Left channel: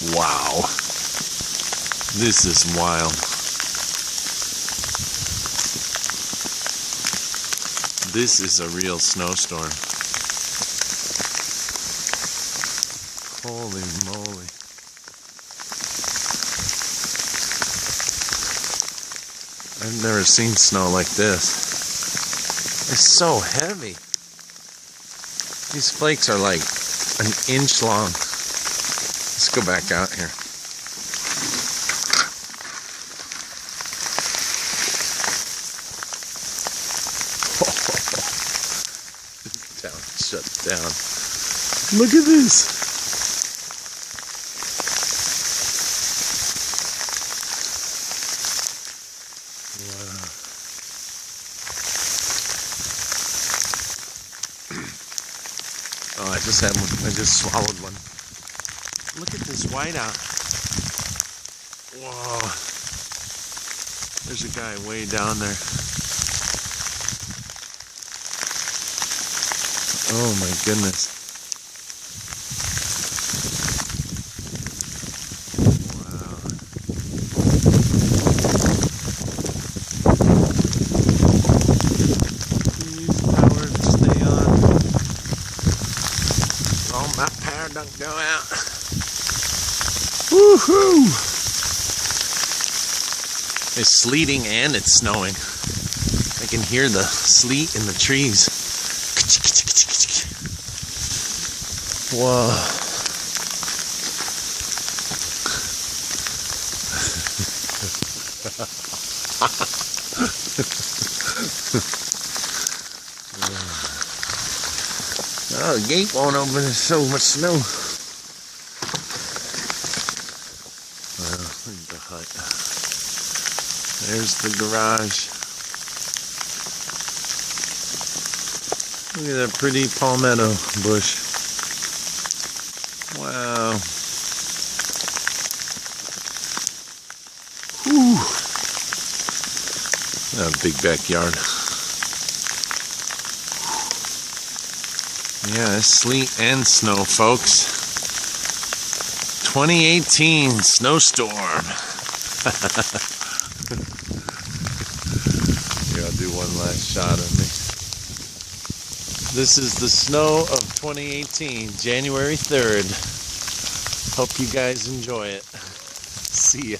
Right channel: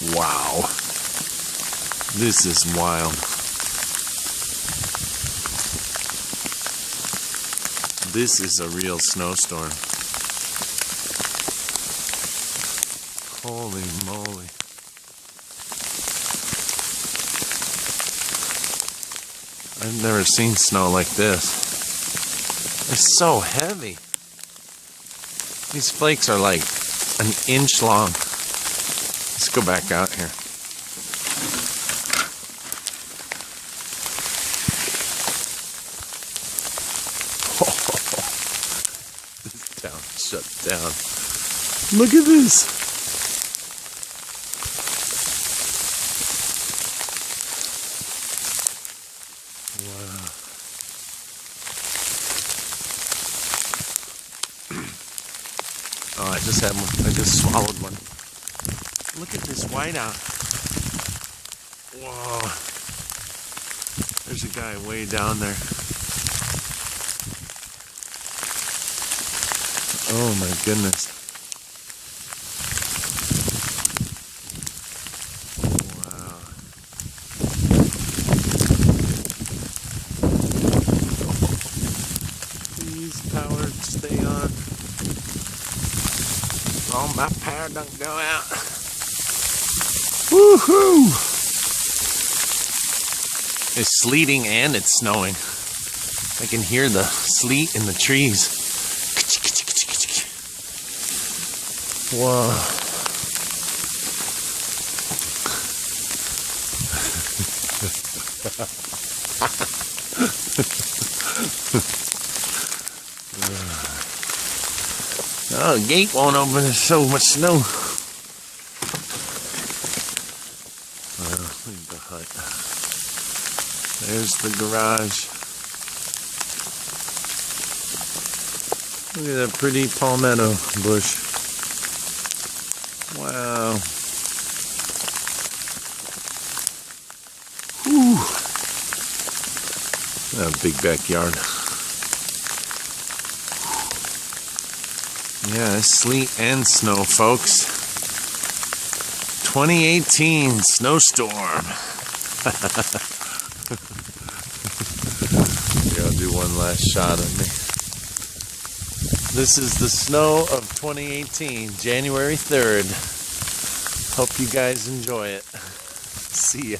Wow. This is wild. This is a real snowstorm. Holy moly. I've never seen snow like this. It's so heavy. These flakes are like an inch long. Let's go back out here. This town shut down. Look at this. Wow. Oh, I just had one. I just swallowed one. Look at this whiteout. Whoa. There's a guy way down there. Oh my goodness. Wow. Please, power, stay on. Oh, my power don't go out. Woohoo! It's sleeting and it's snowing. I can hear the sleet in the trees. Whoa. Oh, the gate won't open. There's so much snow. Well, look at the hut. There's the garage. Look at that pretty palmetto bush. Wow. Whew. A big backyard. Yeah, it's sleet and snow, folks. 2018 snowstorm. Gotta do one last shot of me. This is the snow of 2018, January 3rd. Hope you guys enjoy it. See ya.